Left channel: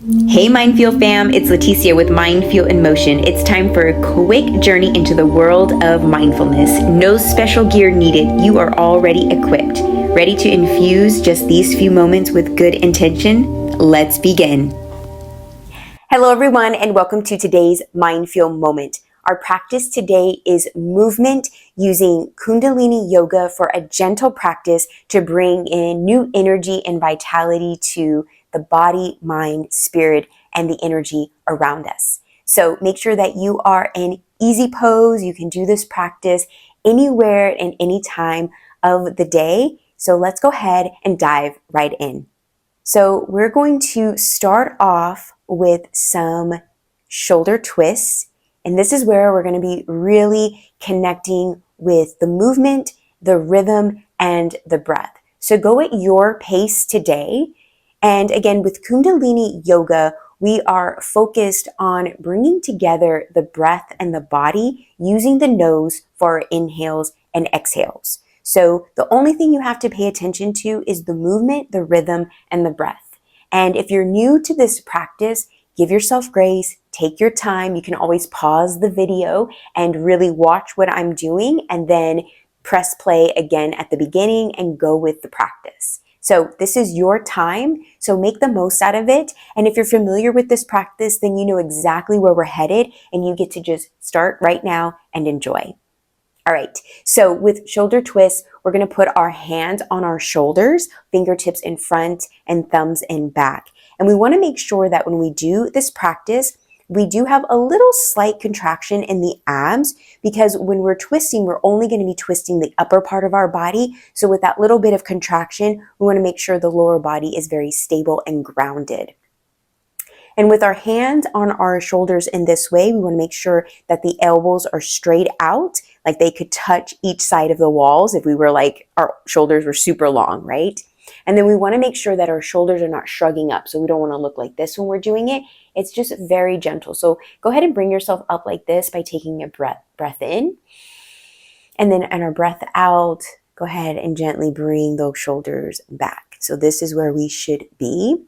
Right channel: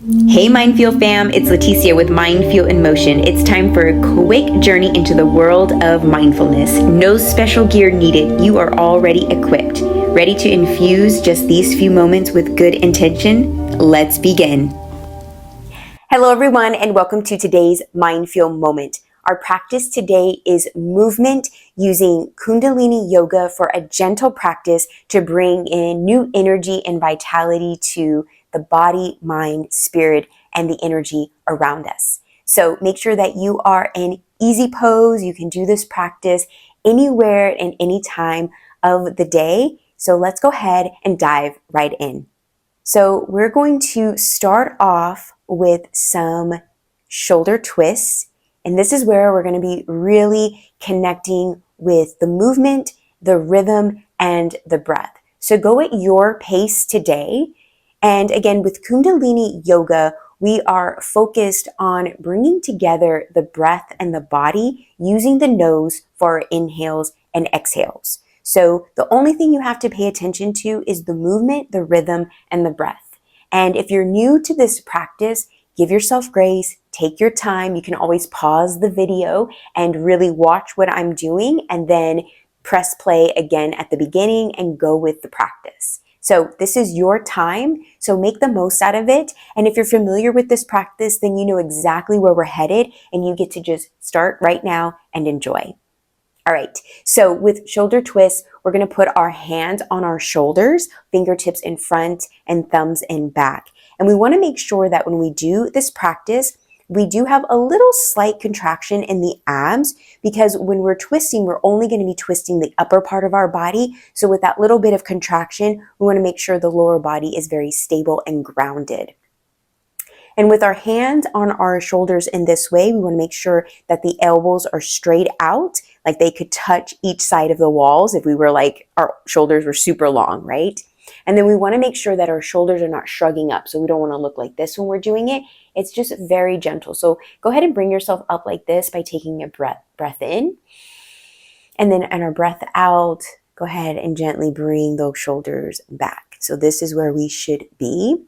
Hey Mindfeel fam, it's Leticia with Mindfeel in Motion. It's time for a quick journey into the world of mindfulness. No special gear needed. You are already equipped. Ready to infuse just these few moments with good intention? Let's begin. Hello everyone and welcome to today's Mindfeel moment. Our practice today is movement using Kundalini Yoga for a gentle practice to bring in new energy and vitality to the body, mind, spirit, and the energy around us. So make sure that you are in easy pose. You can do this practice anywhere and any time of the day. So let's go ahead and dive right in. So we're going to start off with some shoulder twists. And this is where we're going to be really connecting with the movement, the rhythm, and the breath. So go at your pace today. And again, with Kundalini Yoga, we are focused on bringing together the breath and the body using the nose for our inhales and exhales. So the only thing you have to pay attention to is the movement, the rhythm, and the breath. And if you're new to this practice, give yourself grace, take your time. You can always pause the video and really watch what I'm doing and then press play again at the beginning and go with the practice. So this is your time, so make the most out of it. And if you're familiar with this practice, then you know exactly where we're headed and you get to just start right now and enjoy. All right, so with shoulder twists, we're going to put our hands on our shoulders, fingertips in front and thumbs in back. And we want to make sure that when we do this practice, we do have a little slight contraction in the abs because when we're twisting, we're only going to be twisting the upper part of our body. So with that little bit of contraction, we want to make sure the lower body is very stable and grounded. And with our hands on our shoulders in this way, we want to make sure that the elbows are straight out, like they could touch each side of the walls if we were like, our shoulders were super long, right? And then we want to make sure that our shoulders are not shrugging up. So we don't want to look like this when we're doing it. It's just very gentle. So go ahead and bring yourself up like this by taking a breath in. And then on our breath out, go ahead and gently bring those shoulders back. So this is where we should be.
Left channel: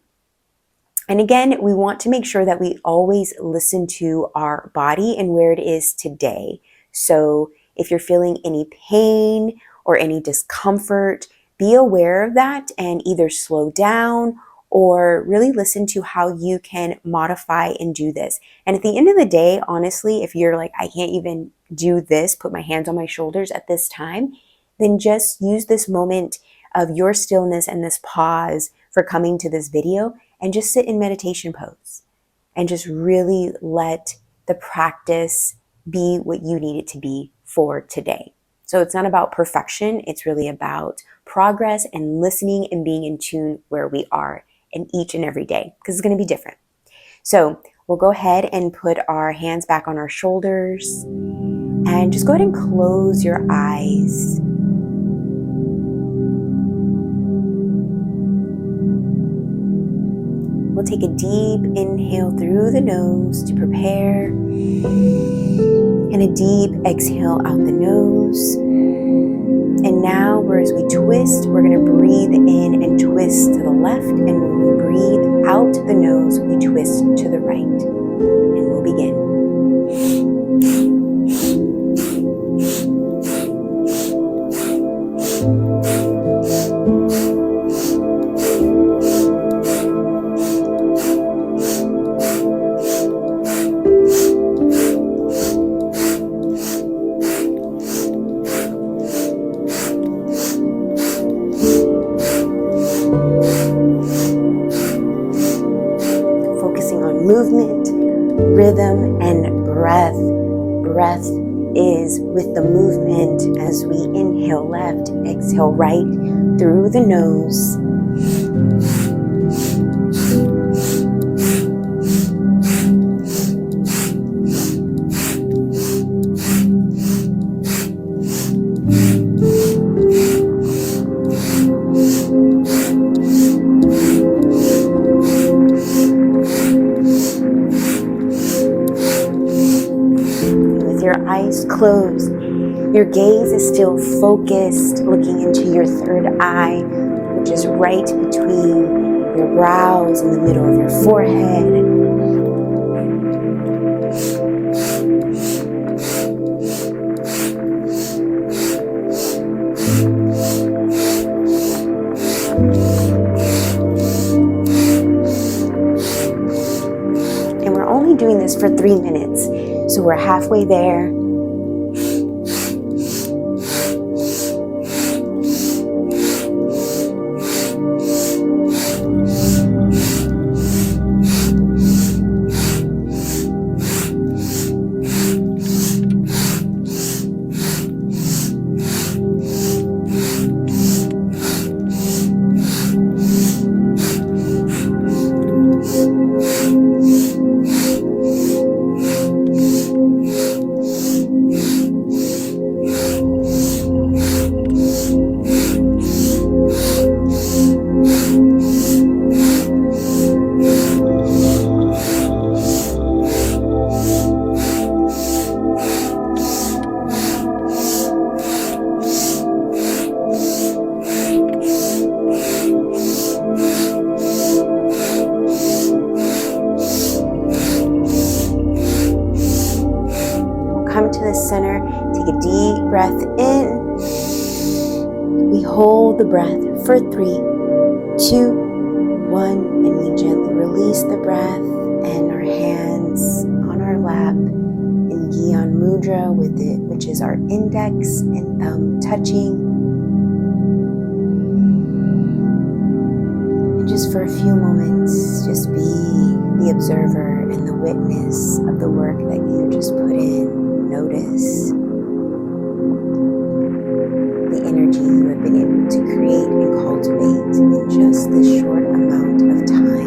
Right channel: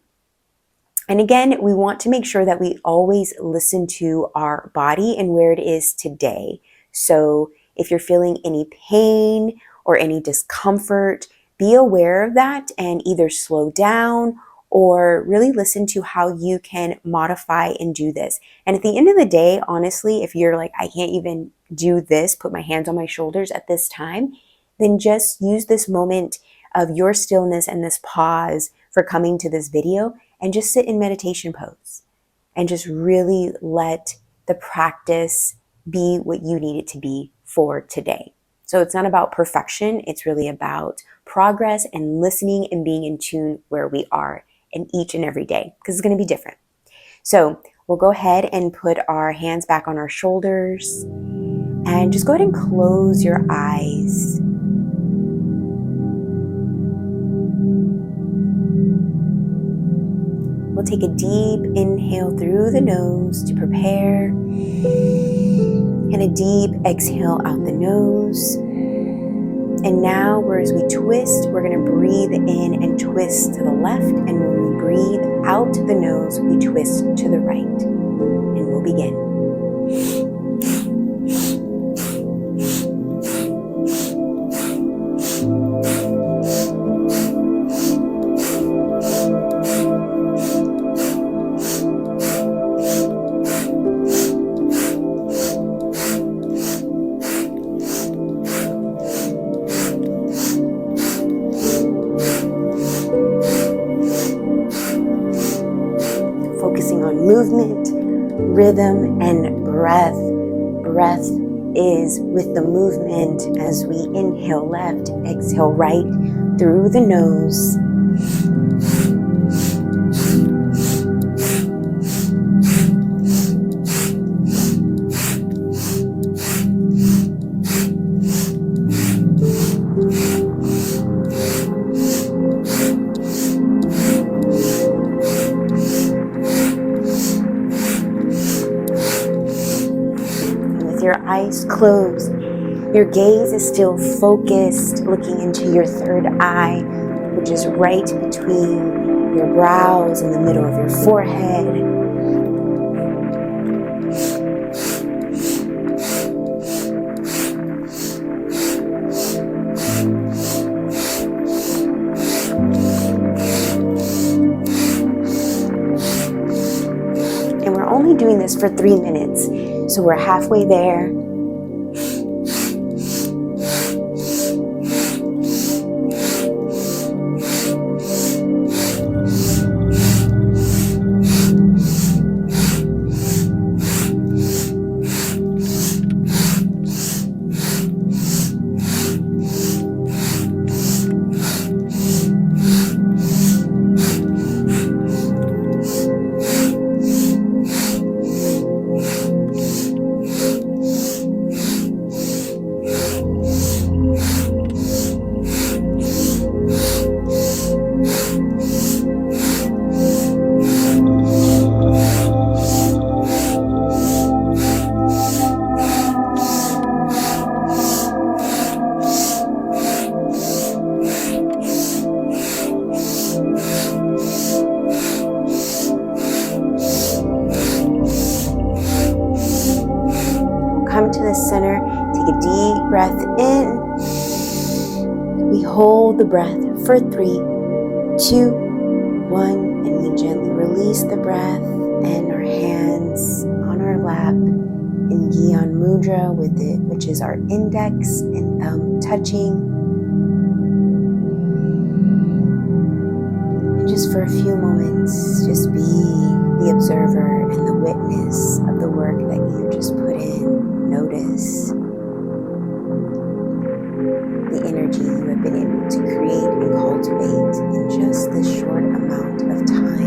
And again, we want to make sure that we always listen to our body and where it is today. So if you're feeling any pain or any discomfort, be aware of that and either slow down or really listen to how you can modify and do this. And at the end of the day, honestly, if you're like, I can't even do this, put my hands on my shoulders at this time, then just use this moment of your stillness and this pause for coming to this video and just sit in meditation pose and just really let the practice be what you need it to be for today. So it's not about perfection. It's really about progress and listening and being in tune where we are in each and every day because it's going to be different. So we'll go ahead and put our hands back on our shoulders and just go ahead and close your eyes. We'll take a deep inhale through the nose to prepare and a deep exhale out the nose. And now, as we twist, we're going to breathe in and twist to the left. And when we breathe out the nose, we twist to the right. And we'll begin. Focusing on movement, rhythm, and breath. Breath is with the movement as we inhale left, exhale right through the nose. Your eyes closed, your gaze is still focused, looking into your third eye, which is right between your brows, in the middle of your forehead. And we're only doing this for 3 minutes, so we're halfway there. Come to the center, take a deep breath in. We hold the breath for 3, 2, 1, and we gently release the breath and our hands on our lap in Gyan Mudra with it, which is our index and thumb touching. And just for a few moments, just be the observer and the witness of the work that you just put in. Notice the energy you have been able to create and cultivate in just this short amount of time.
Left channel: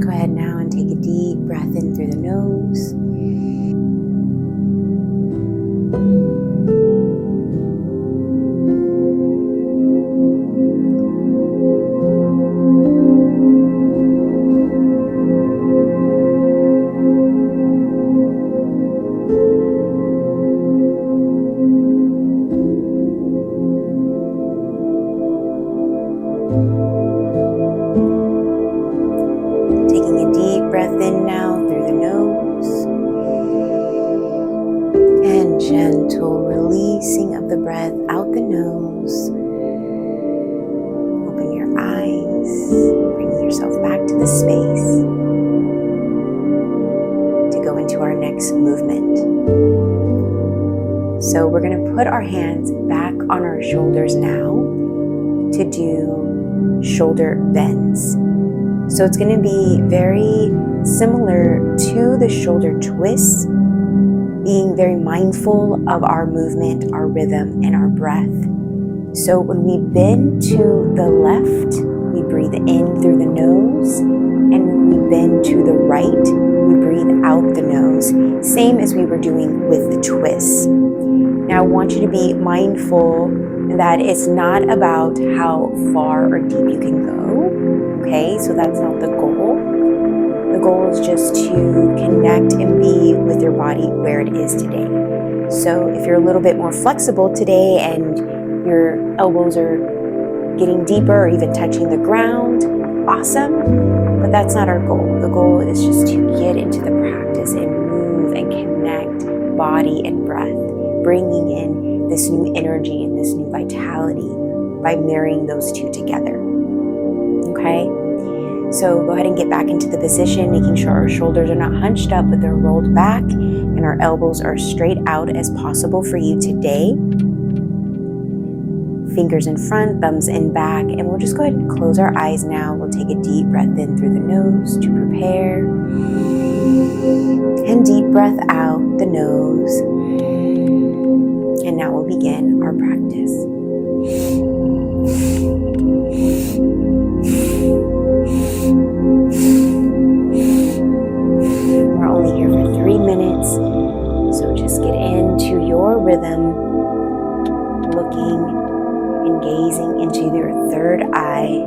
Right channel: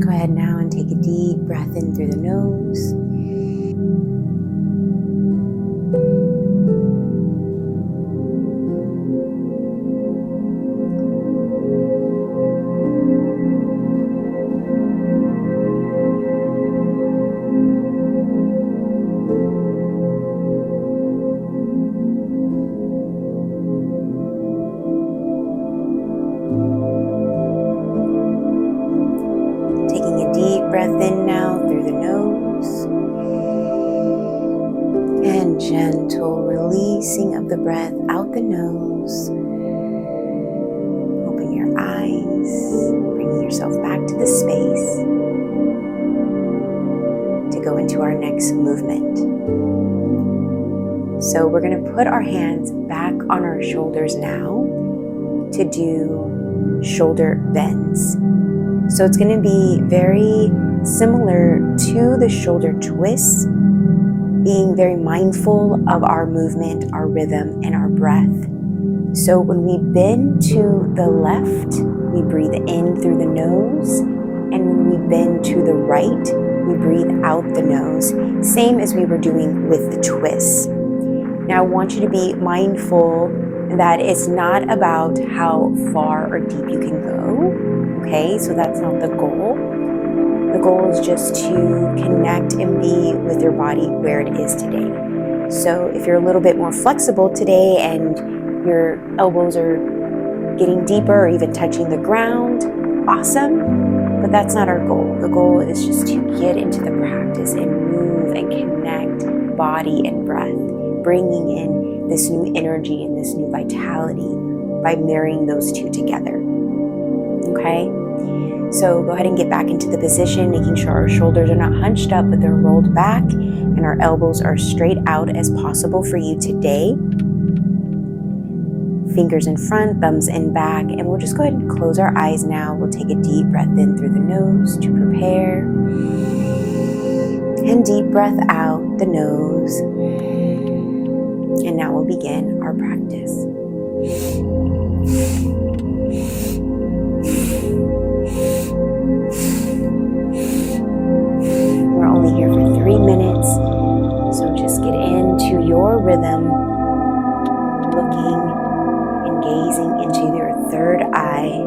Go ahead now and take a deep breath in through the nose. Taking a deep breath in now through the nose. And gentle releasing of the breath out the nose. Open your eyes, bringing yourself back to the space to go into our next movement. So we're going to put our hands back on our shoulders now to do shoulder bends. So it's going to be very similar to the shoulder twists, being very mindful of our movement, our rhythm, and our breath. So when we bend to the left, we breathe in through the nose, and when we bend to the right, we breathe out the nose, same as we were doing with the twists. Now I want you to be mindful that it's not about how far or deep you can go. Okay, so that's not the goal. The goal is just to connect and be with your body where it is today. So if you're a little bit more flexible today and your elbows are getting deeper or even touching the ground, awesome, but that's not our goal. The goal is just to get into the practice and move and connect body and breath, bringing in this new energy and this new vitality by marrying those two together. Okay, so go ahead and get back into the position, making sure our shoulders are not hunched up, but they're rolled back and our elbows are straight out as possible for you today. Fingers in front, thumbs in back, and we'll just go ahead and close our eyes now. We'll take a deep breath in through the nose to prepare. And One deep breath out the nose. And now we'll begin our practice. We're only here for 3 minutes, so just get into your rhythm, looking and gazing into your third eye.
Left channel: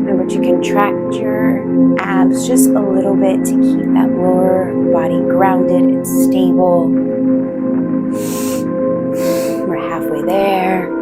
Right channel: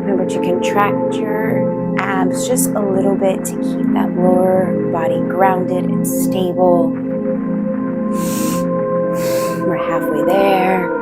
Remember to contract your abs just a little bit to keep that lower body grounded and stable. We're halfway there.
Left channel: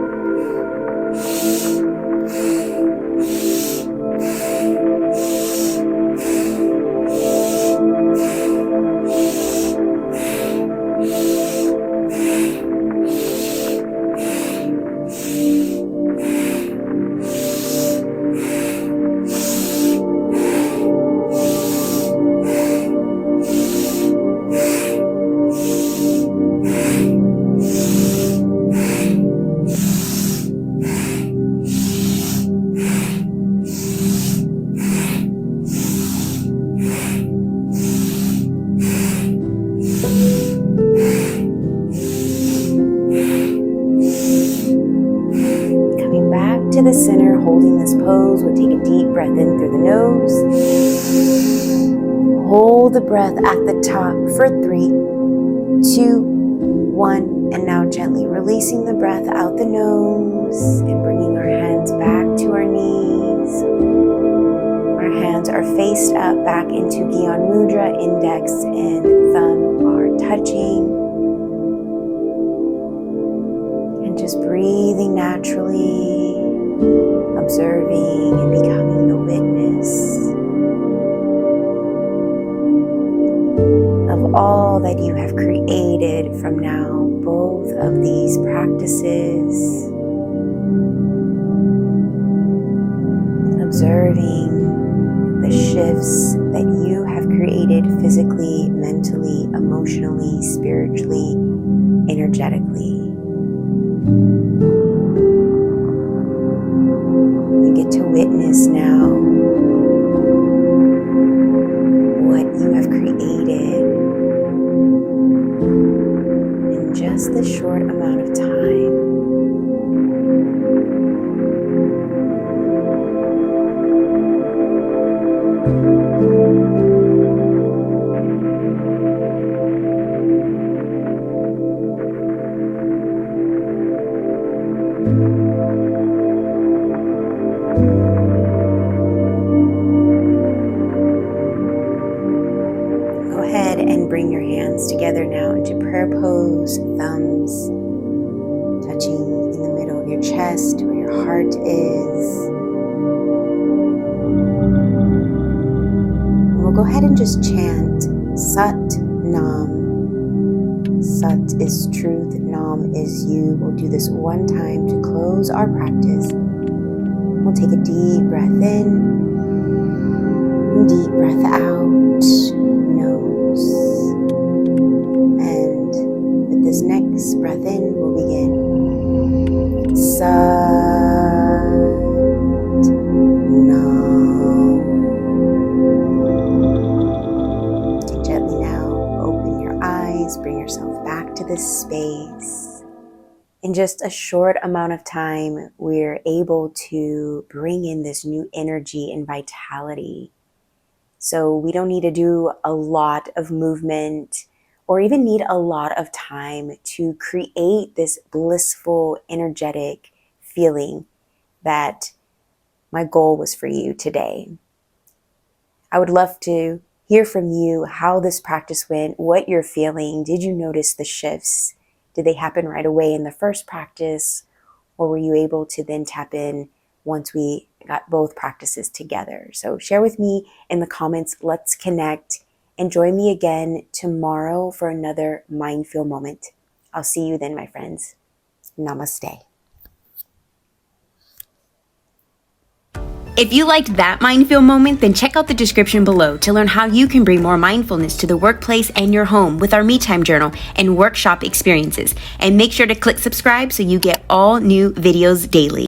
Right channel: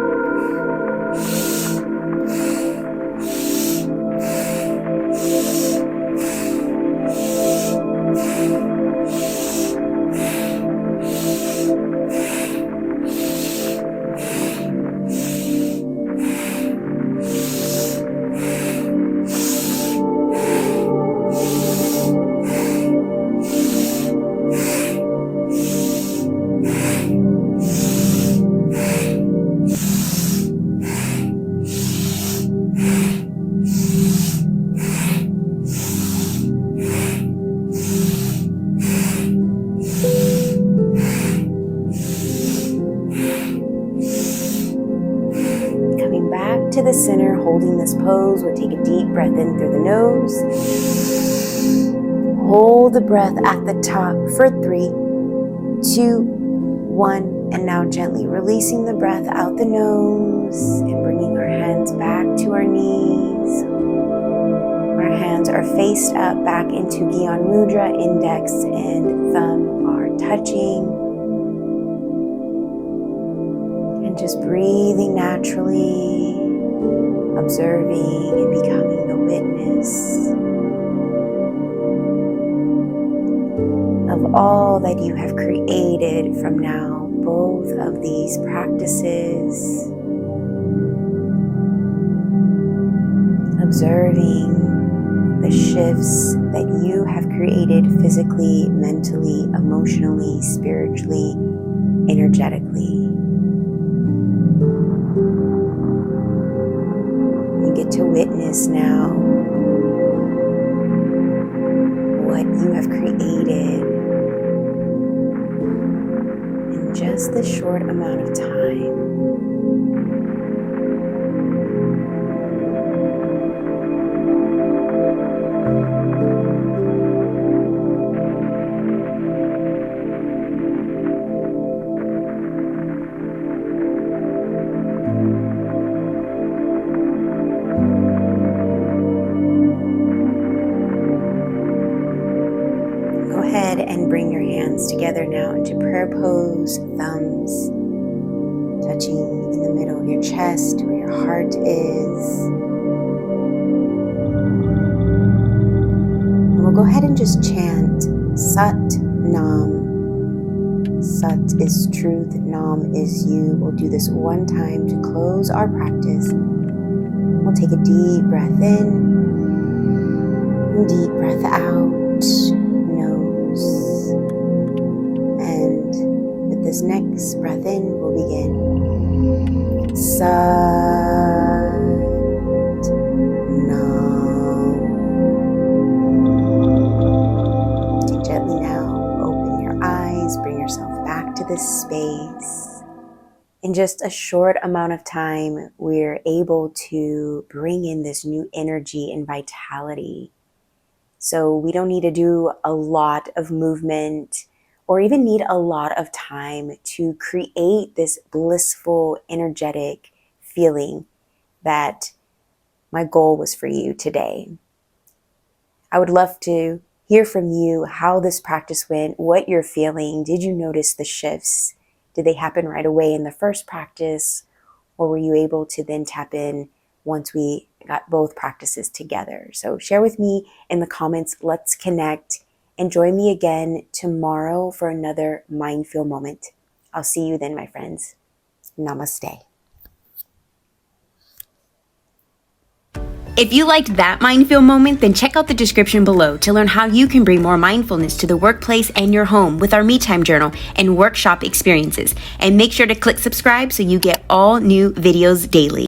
Coming back to the center, holding this pose, we'll take a deep breath in through the nose. Hold the breath at the top for 3, 2, 1, and now gently releasing the breath out the nose and bringing our hands back to our knees. Our hands are faced up back into Gyan Mudra, index and thumb are touching. And just breathing naturally, observing and becoming the witness of all that you have created from now, both of these practices. Observing the shifts that you have created physically, mentally, emotionally, spiritually, energetically. You get to witness now what you have created in just this short amount of time. Go ahead and bring your hands together now into prayer pose, thumbs touching in the middle of your chest where your heart is. And we'll go ahead and just chant Sat Nam. Sat is truth, Nam is you. We'll do this one time to close our practice. We'll take a deep breath in and deep breath out. And with this next breath in, we'll begin. Sat Nam. Take gently now, open your eyes, bring yourself back to this space. In just a short amount of time, we're able to bring in this new energy and vitality. So we don't need to do a lot of movement or even need a lot of time to create this blissful, energetic feeling that my goal was for you today. I would love to hear from you how this practice went, what you're feeling. Did you notice the shifts? Did they happen right away in the first practice? Or were you able to then tap in once we got both practices together? So share with me in the comments. Let's connect and join me again tomorrow for another Mind Feel moment. I'll see you then, my friends. Namaste. If you liked that Mind Feel moment, then check out the description below to learn how you can bring more mindfulness to the workplace and your home with our Me Time Journal and workshop experiences. And make sure to click subscribe so you get all new videos daily.